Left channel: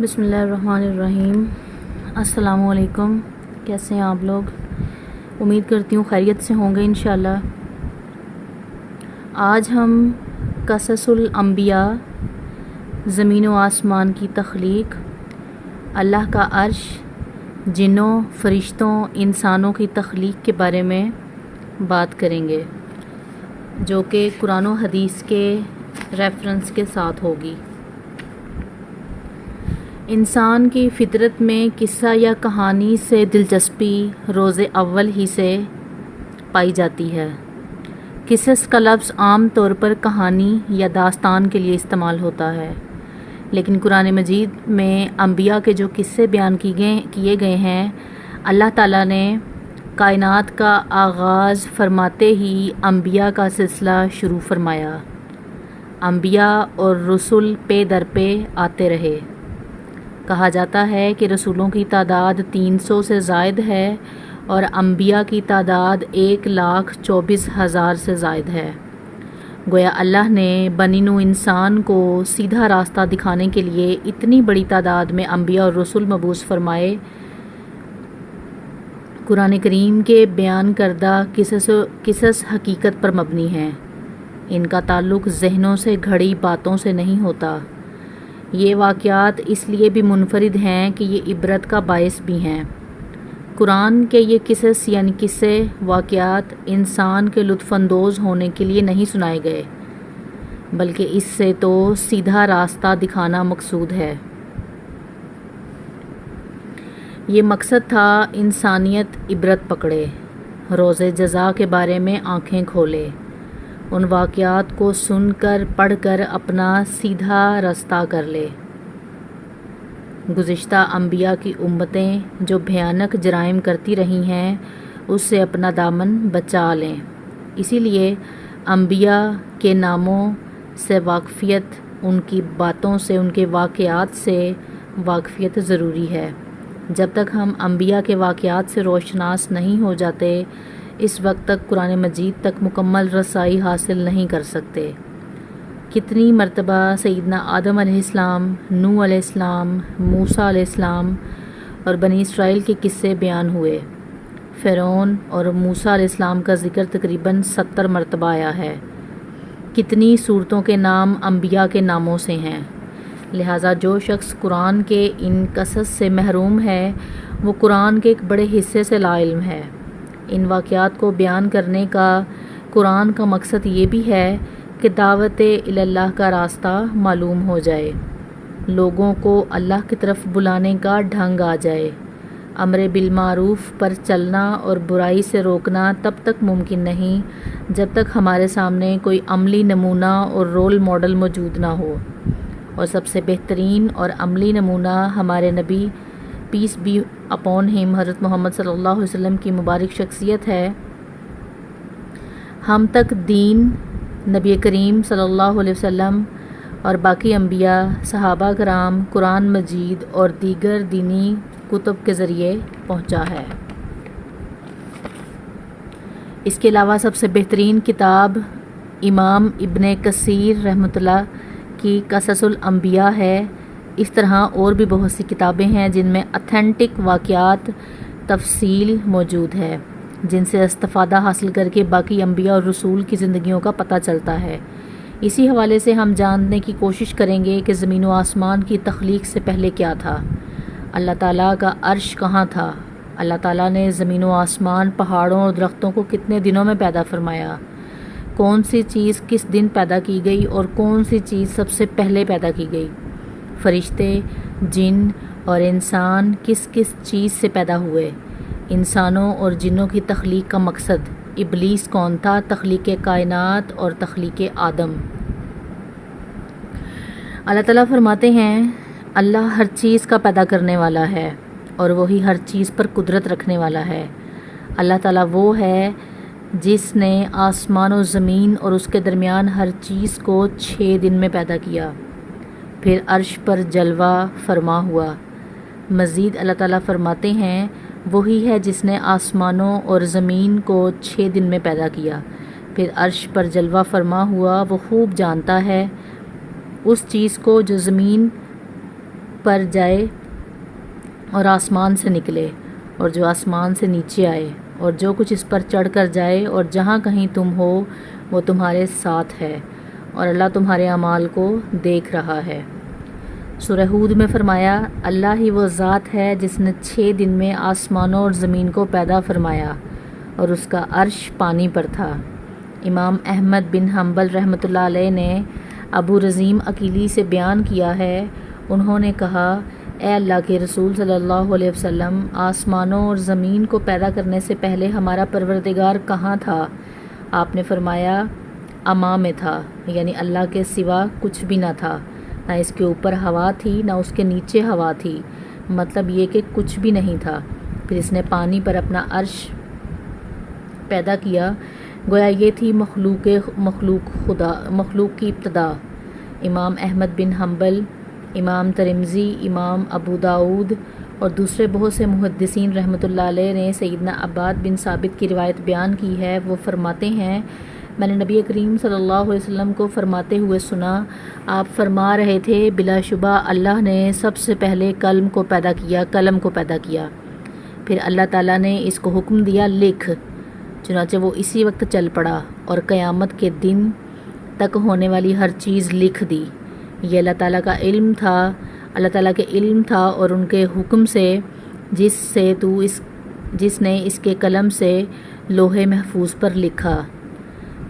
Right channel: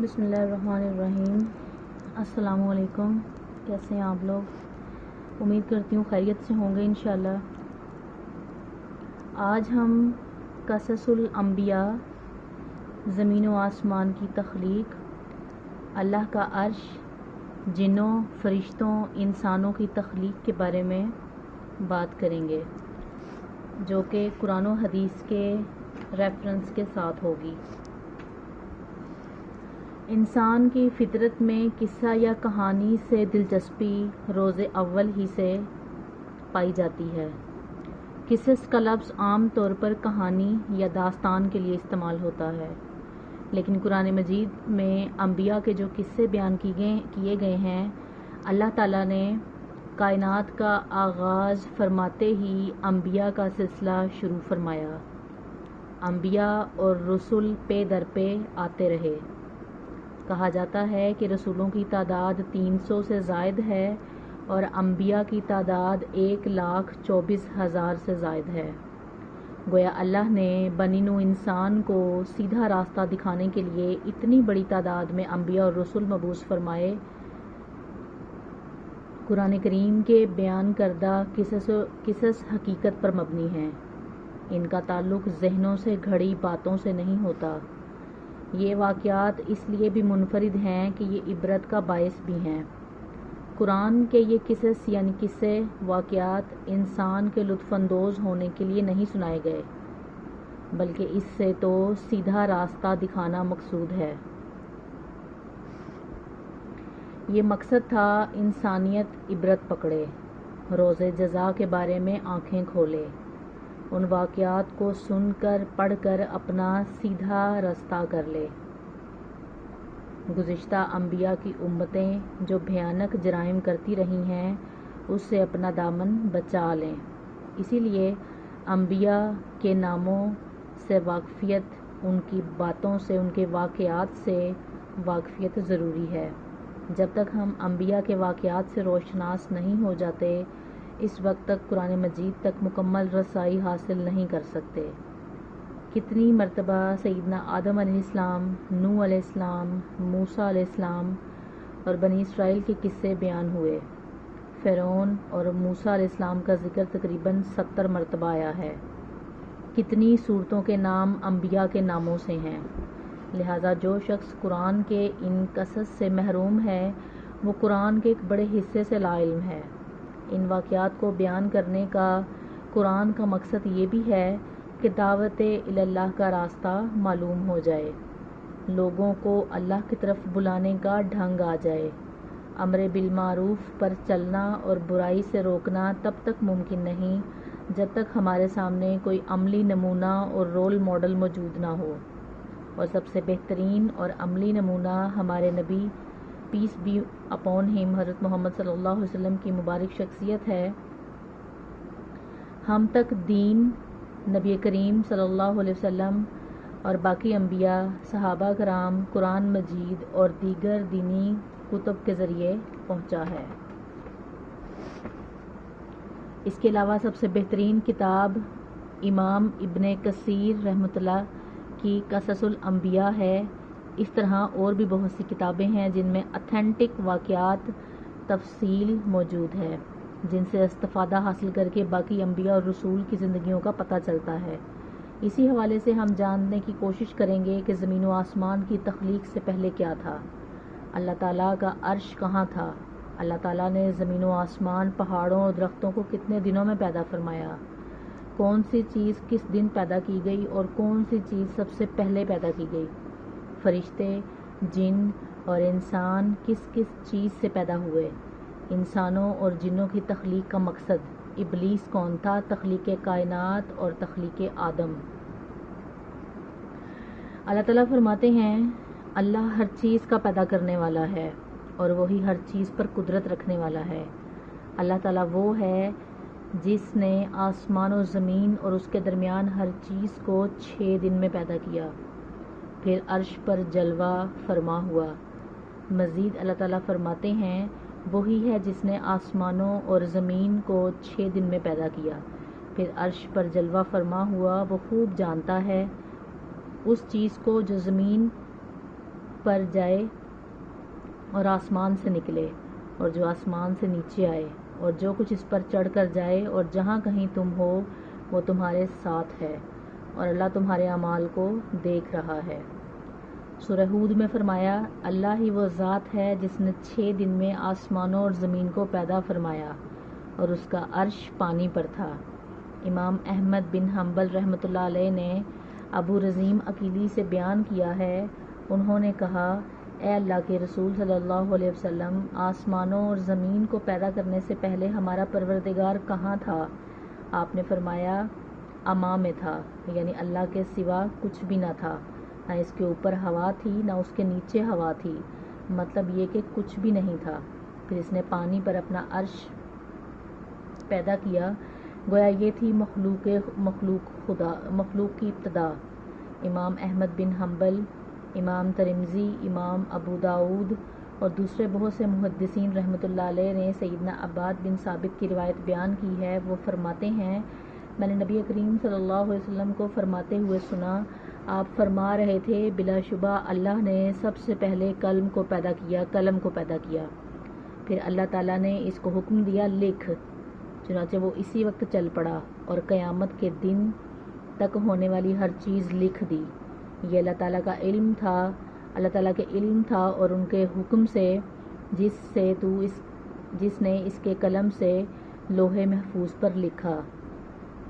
بسم اللہ الرحمن الرحیم۔ السلام علیکم، کیسے ہیں آپ لوگ؟ امید کرتی ہوں خیریت سے ہوں گے انشاءاللہ۔ آج ہم قصص الانبیاء، زمین و آسمان کی تخلیق، اللہ کا عرش، جنوں، فرشتوں، انسانوں کی تخلیق کے بارے میں بات کریں گے، جو کہ قرآن و حدیث کے ریفرنس کے ساتھ ہوگی۔ انسان کی فطرت میں قصہ یا کہانی سے دلچسپی روز اول ہی سے پائی جاتی ہے۔ قصص کا لفظ عام طور پر کہانی یا داستان کے لیے استعمال ہوتا ہے، لیکن قرآن مجید میں انبیاء کے جو قصے بیان کیے گئے ہیں، اللہ تعالیٰ نے کائنات کا آغاز فرماتے ہی انبیاء کا سلسلہ شروع فرمایا۔ انبیاء اور رسول پے در پے آتے رہے۔ کہا جاتا ہے کہ رسولوں کی تعداد 300 سے زائد ہے اور انبیاء کی تعداد 1,24,000 سے زائد ہے۔ گویا اللہ نے بنی نوع انسان کو سیدھا راستہ دکھانے کے لیے اتنی بڑی تعداد میں انبیاء اور رسول مبعوث فرمائے۔ قرآن کریم کے بیان کردہ قصص حقیقت پر مبنی ہیں۔ ان کا تعلق ذہنوں سے گھڑی باتوں سے نہیں ہوتا۔ یہ واقعات اس لیے بھی منفرد ہیں کہ یہ عبرت کا باعث بھی ہیں۔ قرآن کے یہ قصص یعنی قصے واقعات انسان کے لطف اندوز ہونے کے لیے نہیں سنائے گئے، بلکہ اس سے تو سیدھا راستہ دکھانا مقصود ہے۔ یہ مقصد تھا انسانیت عبرت پکڑے، روز جزا کے بارے میں آنکھیں کھولے، ان واقعات کو سن کر پڑھ کر اپنا سیدھا راستہ کر لے۔ گزشتہ انبیاء کی امتیں جو بھیانک جرائم کرتی رہی ہیں، اس سے اپنا دامن بچا لیں۔ اسی لیے انبیاء کے ناموں سے واقفیت، ان کی باتوں سے، ان کے واقعات سے واقفیت ضروری ہے۔ جب تک ہم انبیاء کے واقعات سے روشناس نہیں ہو جاتے، اس وقت تک قرآن مجید تک مکمل رسائی حاصل نہیں کر سکتے۔ کتنی مرتبہ سیدنا آدم علیہ السلام، نوح علیہ السلام، موسیٰ علیہ السلام اور بنی اسرائیل کے قصے بیان ہوئے۔ فرعون اور موسیٰ علیہ السلام کا ذکر تقریباً 70 مرتبہ آیا ہے۔ کتنی صورتوں کے نام انبیاء کے ناموں سے ہیں۔ لہٰذا جو شخص قرآن کے ان قصص سے محروم ہے، وہ قرآن کے ایک بڑے حصے سے لا علم ہے۔ ان واقعات کو بیان کرنے کا قرآن کا مقصد یہ بھی ہے کہ دعوت اللہ کا راستہ معلوم ہو جائے، لوگوں کو اللہ کی طرف بلانے کا ڈھنگ آ جائے۔ امر بالمعروف پر چلنا اور برائی سے روکنا تب تک ممکن نہیں جب تک ہمارے سامنے کوئی عملی نمونہ اور رول ماڈل موجود نہ ہو، اور سب سے بہترین اور عملی نمونہ ہمارے نبی پیس بی اپون ہم حضرت محمد صلی اللہ علیہ وسلم کی مبارک شخصیت ہے۔ ہم تک دین نبی کریم صلی اللہ علیہ وسلم اور باقی انبیاء، صحابہ کرام، قرآن مجید اور دیگر دینی کتب کے ذریعے پہنچا ہے۔ اس کے علاوہ سب سے بہترین کتاب امام ابن کثیر رحمۃ اللہ کی قصص الانبیاء ہے۔ اس طرح اور بھی بہت سی کتابیں ہیں جن میں اتھینٹک واقعات تفصیل موجود ہے، جن سے استفادہ حاصل کر کے باقی انبیاء اور رسول کی زندگیوں کا پتہ چلتا ہے۔ اسی حوالے سے ہم جاننے کی کوشش کریں گے کہ زمین و آسمان کی تخلیق سے پہلے کیا تھا، اللہ تعالیٰ کا عرش کہاں تھا، اللہ تعالیٰ نے زمین و آسمان، پہاڑوں اور درختوں کو کتنے دنوں میں پیدا فرمایا، کون سی چیز کس دن پیدا کی گئی اور کون سی چیز سب سے پہلے پیدا کی گئی، فرشتے، جن اور انسان کس کس چیز سے پیدا ہوئے، انسانوں اور جنوں کی تخلیق کا مقصد، ابلیس کون تھا، تخلیق کائنات اور تخلیق آدم۔ اللہ تعالیٰ فرماتے ہیں اللہ ہر چیز کا پیدا کرنے والا ہے اور وہی ہر چیز پر قدرت رکھنے والا ہے۔ اللہ تعالیٰ وہ ہے جس نے آسمان و زمین اور اس کے درمیان ہر چیز کو 6 دن میں پیدا کیا، پھر عرش پر جلوہ فرما ہوا۔ مزید اللہ تعالیٰ فرماتے ہیں وہی ہے جس نے آسمانوں اور زمین کو 6 دن میں پیدا کیا، پھر عرش پر جلوہ فرما ہوا۔ وہ خوب جانتا ہے اس چیز کو جو زمین پر جائے اور آسمان سے نکلے، اور جو آسمان سے نیچے آئے، اور جو کچھ اس پر چڑھ کر جائے، اور جہاں کہیں تم ہو وہ تمہارے ساتھ ہے، اور اللہ تمہارے اعمال کو دیکھ رہا ہے۔ سورہ ہود میں فرمایا، اللہ ہی وہ ذات ہے جس نے 6 دن میں آسمانوں اور زمین کو پیدا فرمایا، اور اس کا عرش پانی پر تھا۔ امام احمد بن حنبل رحمۃ اللہ علیہ نے ابو رزیم عقیلی سے بیان کیا ہے، انہوں نے کہا، اے اللہ کے رسول صلی اللہ علیہ وسلم، آسمانوں اور زمین کو پیدا کرنے سے پہلے ہمارا پروردگار کہاں تھا؟ آپ نے فرمایا، اما میں تھا، یعنی اللہ کے سوا کچھ بھی نہ تھا، نہ اس کے اوپر ہوا تھی نہ اس کے نیچے ہوا تھی، مطلب یہ کہ کچھ بھی نہیں تھا۔ پھر اس نے پانی پر اپنا عرش پیدا کیا، گویا یہ تھی مخلوق کی ابتدا۔ امام احمد بن حنبل، امام ترمذی، امام ابو داؤد اور دوسرے بہت سے محدثین رحمۃ اللہ علیہ نے سیدنا عباد بن ثابت کی روایت بیان کی ہے۔ وہ فرماتے ہیں، میں نے نبی کریم صلی اللہ علیہ وسلم کو فرماتے ہوئے سنا، آپ فرما رہے تھے، بلا شبہ اللہ نے سب سے پہلے قلم کو پیدا کیا، پھر اللہ تعالیٰ نے اس کو حکم دیا، لکھ، چنانچہ وہ اسی وقت چل پڑا اور قیامت کے دن تک ہونے والی ہر چیز لکھ دی۔ یہ اللہ تعالیٰ کا علم تھا، اللہ تعالیٰ کے علم تھا اور ان کے حکم سے، جس نے اس کے قلم سے لوح محفوظ پر لکھا۔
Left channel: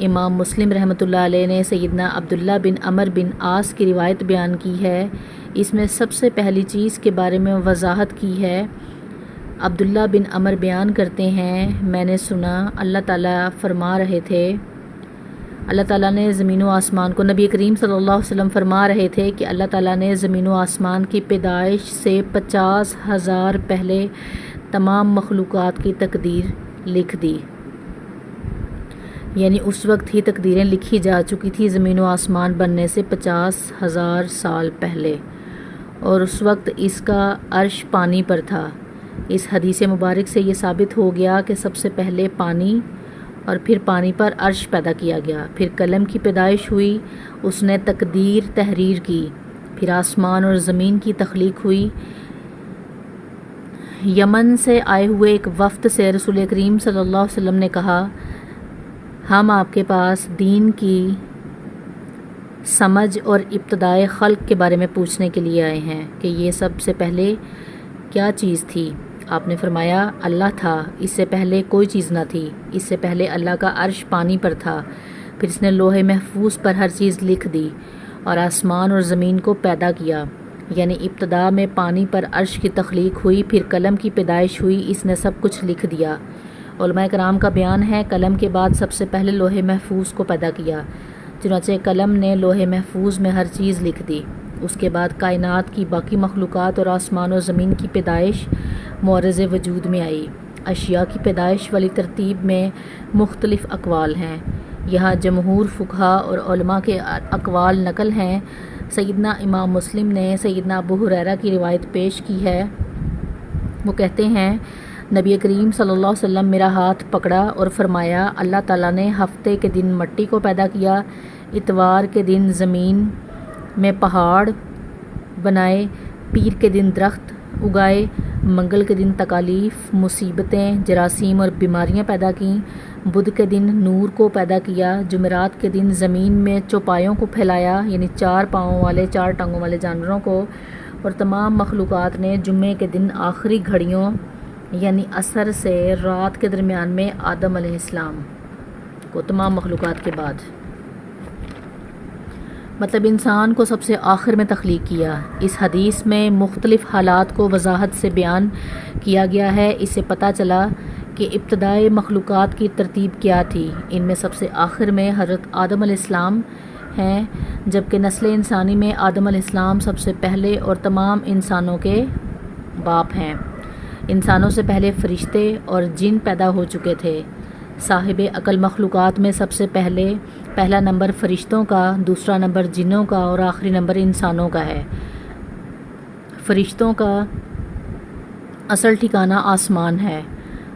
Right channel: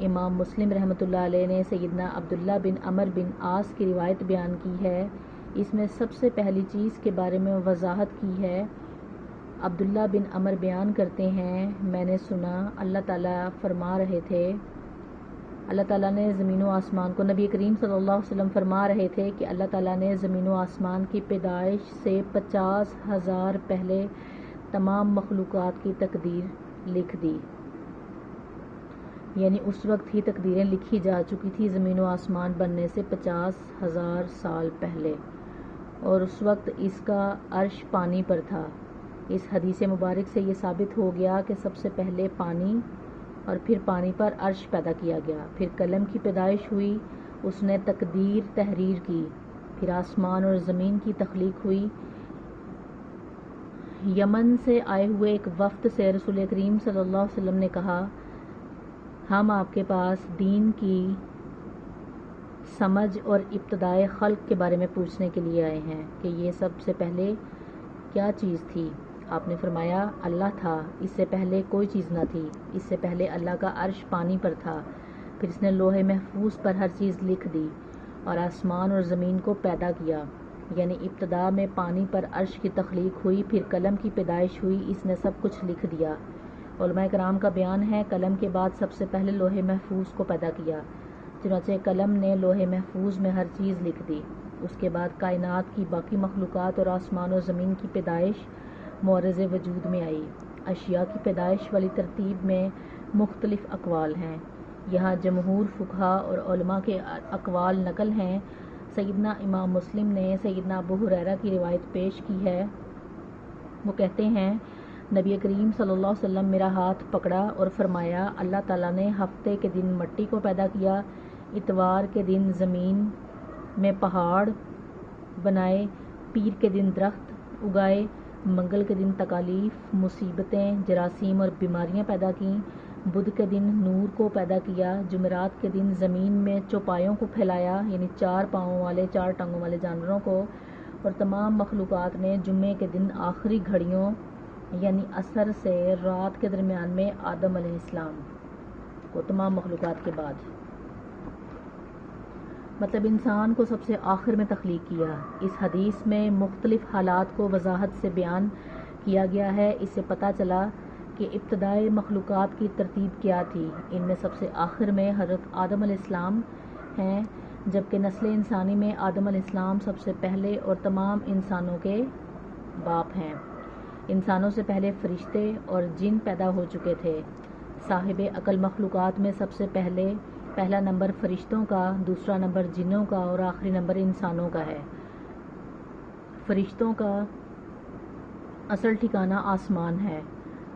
امام مسلم رحمۃ اللہ علیہ نے سیدنا عبداللہ بن عمر بن عاص کی روایت بیان کی ہے، اس میں سب سے پہلی چیز کے بارے میں وضاحت کی ہے۔ عبداللہ بن عمر بیان کرتے ہیں، میں نے سنا اللہ تعالیٰ فرما رہے تھے، اللہ تعالیٰ نے زمین و آسمان کو، نبی کریم صلی اللہ علیہ وسلم فرما رہے تھے کہ اللہ تعالیٰ نے زمین و آسمان کی پیدائش سے 50,000 پہلے تمام مخلوقات کی تقدیر لکھ دی، یعنی اس وقت ہی تقدیریں لکھی جا چکی تھی زمین و آسمان بننے سے 50,000 سال پہلے، اور اس وقت اس کا عرش پانی پر تھا۔ اس حدیث مبارک سے یہ ثابت ہو گیا کہ سب سے پہلے پانی اور پھر پانی پر عرش پیدا کیا گیا، پھر قلم کی پیدائش ہوئی، اس نے تقدیر تحریر کی، پھر آسمان اور زمین کی تخلیق ہوئی۔ یمن سے آئے ہوئے ایک وفد سے رسول کریم صلی اللہ علیہ وسلم نے کہا، ہم آپ کے پاس دین کی سمجھ اور ابتدائے خلق کے بارے میں پوچھنے کے لیے آئے ہیں کہ یہ سب سے پہلے کیا چیز تھی؟ آپ نے فرمایا، اللہ تھا، اس سے پہلے کوئی چیز نہ تھی، اس سے پہلے اللہ کا عرش پانی پر تھا، پھر اس نے لوح محفوظ پر ہر چیز لکھ دی اور آسمان اور زمین کو پیدا کیا، یعنی ابتدا میں پانی پر عرش کی تخلیق ہوئی، پھر قلم کی پیدائش ہوئی، اس نے سب کچھ لکھ دیا۔ علماء کرام کا بیان ہے، قلم کے بعد سب سے پہلے لوح محفوظ کو پیدا کیا، چنانچہ قلم نے لوح محفوظ میں ہر چیز لکھ دی۔ اس کے بعد کائنات کی باقی مخلوقات اور آسمان و زمین کی پیدائش معرض وجود میں آئی۔ اشیاء کی پیدائش والی ترتیب میں مختلف اقوال ہیں، یہاں جمہور فقہا اور علماء کے اقوال نقل ہیں۔ سیدنا امام مسلم نے سیدنا ابو ہریرہ کی روایت پیش کی ہے، وہ کہتے ہیں، نبی کریم صلی اللہ علیہ وسلم میرا ہاتھ پکڑا اور فرمایا، اللہ تعالیٰ نے ہفتے کے دن مٹی کو پیدا کیا، اتوار کے دن زمین میں پہاڑ بنائے، پیر کے دن درخت اگائے، منگل کے دن تکالیف، مصیبتیں، جراثیم اور بیماریاں پیدا کیں، بدھ کے دن نور کو پیدا کیا، جمعرات کے دن زمین میں چوپایوں کو پھیلایا، یعنی 4 پاؤں والے 4 ٹانگوں والے جانوروں کو، اور تمام مخلوقات نے جمعے کے دن آخری گھڑیوں یعنی عصر سے رات کے درمیان میں آدم علیہ السلام کو، تمام مخلوقات کے بعد، مطلب انسان کو سب سے آخر میں تخلیق کیا۔ اس حدیث میں مختلف حالات کو وضاحت سے بیان کیا گیا ہے، اس سے پتہ چلا کہ ابتدائی مخلوقات کی ترتیب کیا تھی۔ ان میں سب سے آخر میں حضرت آدم علیہ السلام ہیں، جبکہ نسل انسانی میں آدم علیہ السلام سب سے پہلے اور تمام انسانوں کے باپ ہیں۔ انسانوں سے پہلے فرشتے اور جن پیدا ہو چکے تھے۔ صاحب عقل مخلوقات میں سب سے پہلا نمبر فرشتوں کا، دوسرا نمبر جنوں کا اور آخری نمبر انسانوں کا ہے۔ فرشتوں کا اصل ٹھکانہ آسمان ہے۔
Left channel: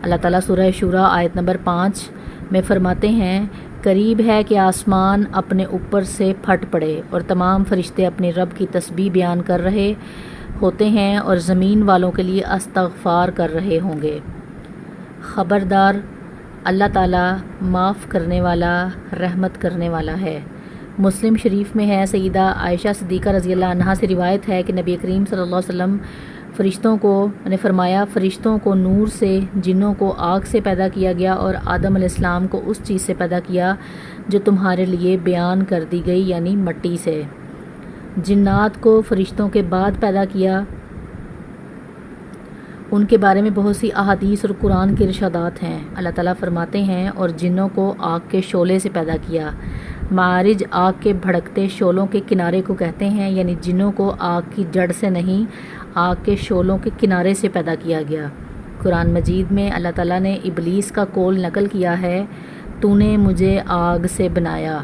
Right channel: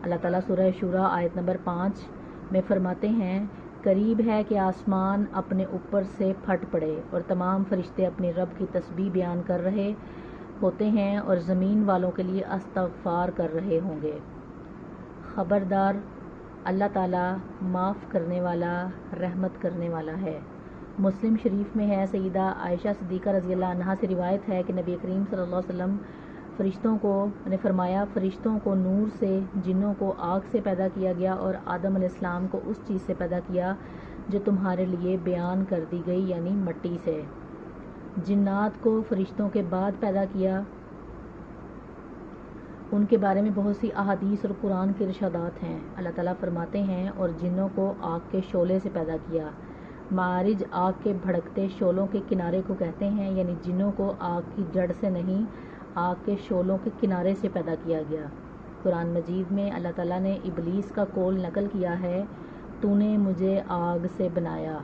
اللہ تعالیٰ سورہ شورى آیت نمبر 5 میں فرماتے ہیں، قریب ہے کہ آسمان اپنے اوپر سے پھٹ پڑے اور تمام فرشتے اپنے رب کی تسبیح بیان کر رہے ہوتے ہیں اور زمین والوں کے لیے استغفار کر رہے ہوں گے۔ خبردار، اللہ تعالیٰ معاف کرنے والا، رحمت کرنے والا ہے۔ مسلم شریف میں ہے، سیدہ عائشہ صدیقہ رضی اللہ عنہا سے روایت ہے کہ نبی کریم صلی اللہ علیہ وسلم نے فرمایا، فرشتوں کو نور سے، جنوں کو آگ سے پیدا کیا گیا اور آدم علیہ السلام کو اس چیز سے پیدا کیا جو تمہارے لیے بیان کر دی گئی، یعنی مٹی سے۔ جنات کو فرشتوں کے بعد پیدا کیا، ان کے بارے میں بہت سی احادیث اور قرآن کے ارشادات ہیں۔ اللہ تعالیٰ فرماتے ہیں، اور جنوں کو آگ کے شعلے سے پیدا کیا۔ معارج آگ کے بھڑکتے شعلوں کے کنارے کو کہتے ہیں، یعنی جنوں کو آگ کی جڑ سے نہیں، آگ کے شعلوں کے کنارے سے پیدا کیا گیا۔ قرآن مجید میں اللہ تعالیٰ نے ابلیس کا قول نقل کیا ہے، تو نے مجھے آگ سے بنایا۔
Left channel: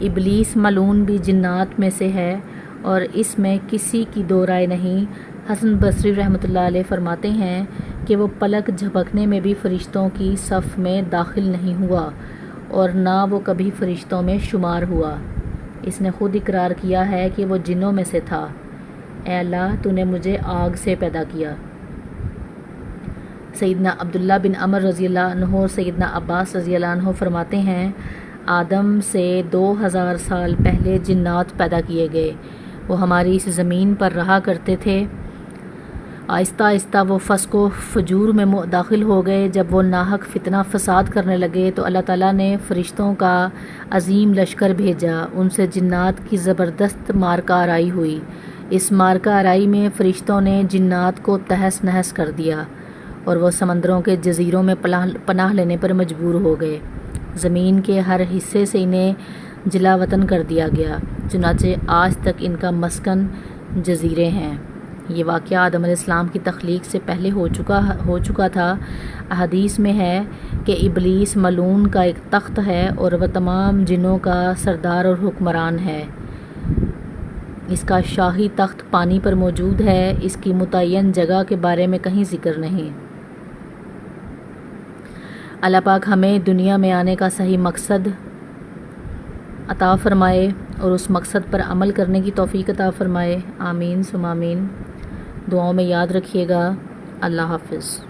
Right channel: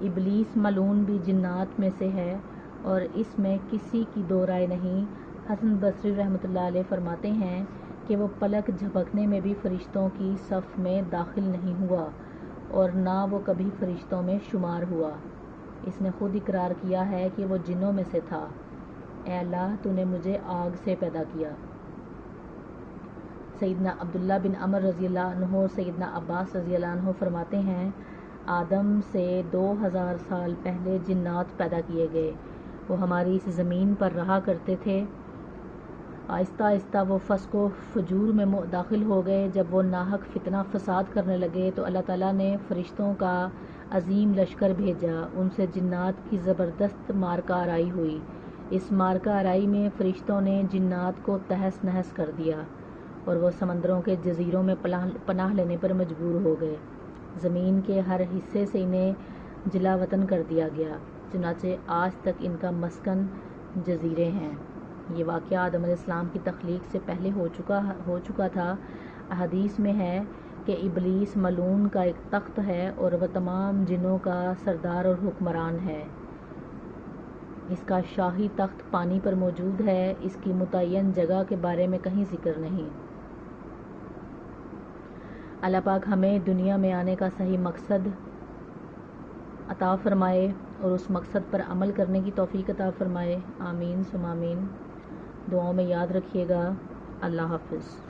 ابلیس ملعون بھی جنات میں سے ہے اور اس میں کسی کی دو رائے نہیں۔ حسن بصری رحمۃ اللہ علیہ فرماتے ہیں کہ وہ پلک جھپکنے میں بھی فرشتوں کی صف میں داخل نہیں ہوا اور نہ وہ کبھی فرشتوں میں شمار ہوا۔ اس نے خود اقرار کیا ہے کہ وہ جنوں میں سے تھا۔ اے اللہ، تو نے مجھے آگ سے پیدا کیا۔ سیدنا عبداللہ بن عمر رضی اللہ عنہ اور سیدنا عباس رضی اللہ عنہ فرماتے ہیں، آدم سے 2000 سال پہلے جنات پیدا کیے گئے۔ وہ ہماری اس زمین پر رہا کرتے تھے۔ آہستہ آہستہ وہ فسق و فجور میں داخل ہو گئے۔ جب وہ ناحق فتنہ فساد کرنے لگے تو اللہ تعالیٰ نے فرشتوں کا عظیم لشکر بھیجا، ان سے جنات کی زبردست مارکہ آرائی ہوئی۔ اس مارکہ آرائی میں فرشتوں نے جنات کو تہس نہس کر دیا اور وہ سمندروں کے جزیروں میں پناہ لینے پر مجبور ہو گئے۔ زمین کے ہر حصے سے انہیں جلا وطن کر دیا گیا، چنانچہ آج تک ان کا مسکن جزیرے ہیں۔ یہ واقعہ آدم علیہ السلام کی تخلیق سے پہلے ہو چکا تھا۔ احادیث میں ہے کہ ابلیس ملعون کا ایک تخت ہے اور وہ تمام جنوں کا سردار اور حکمران ہے۔ اس کا شاہی تخت پانی پر موجود ہے۔ اس کی متعین جگہ کے بارے میں کہیں ذکر نہیں۔ اللہ پاک ہمیں دنیا میں آنے کا صحیح مقصد عطا فرمائے اور اس مقصد پر عمل کرنے کی توفیق عطا فرمائے۔ آمین ثم آمین۔ دعاؤں میں یاد رکھیے گا۔ اللہ حافظ۔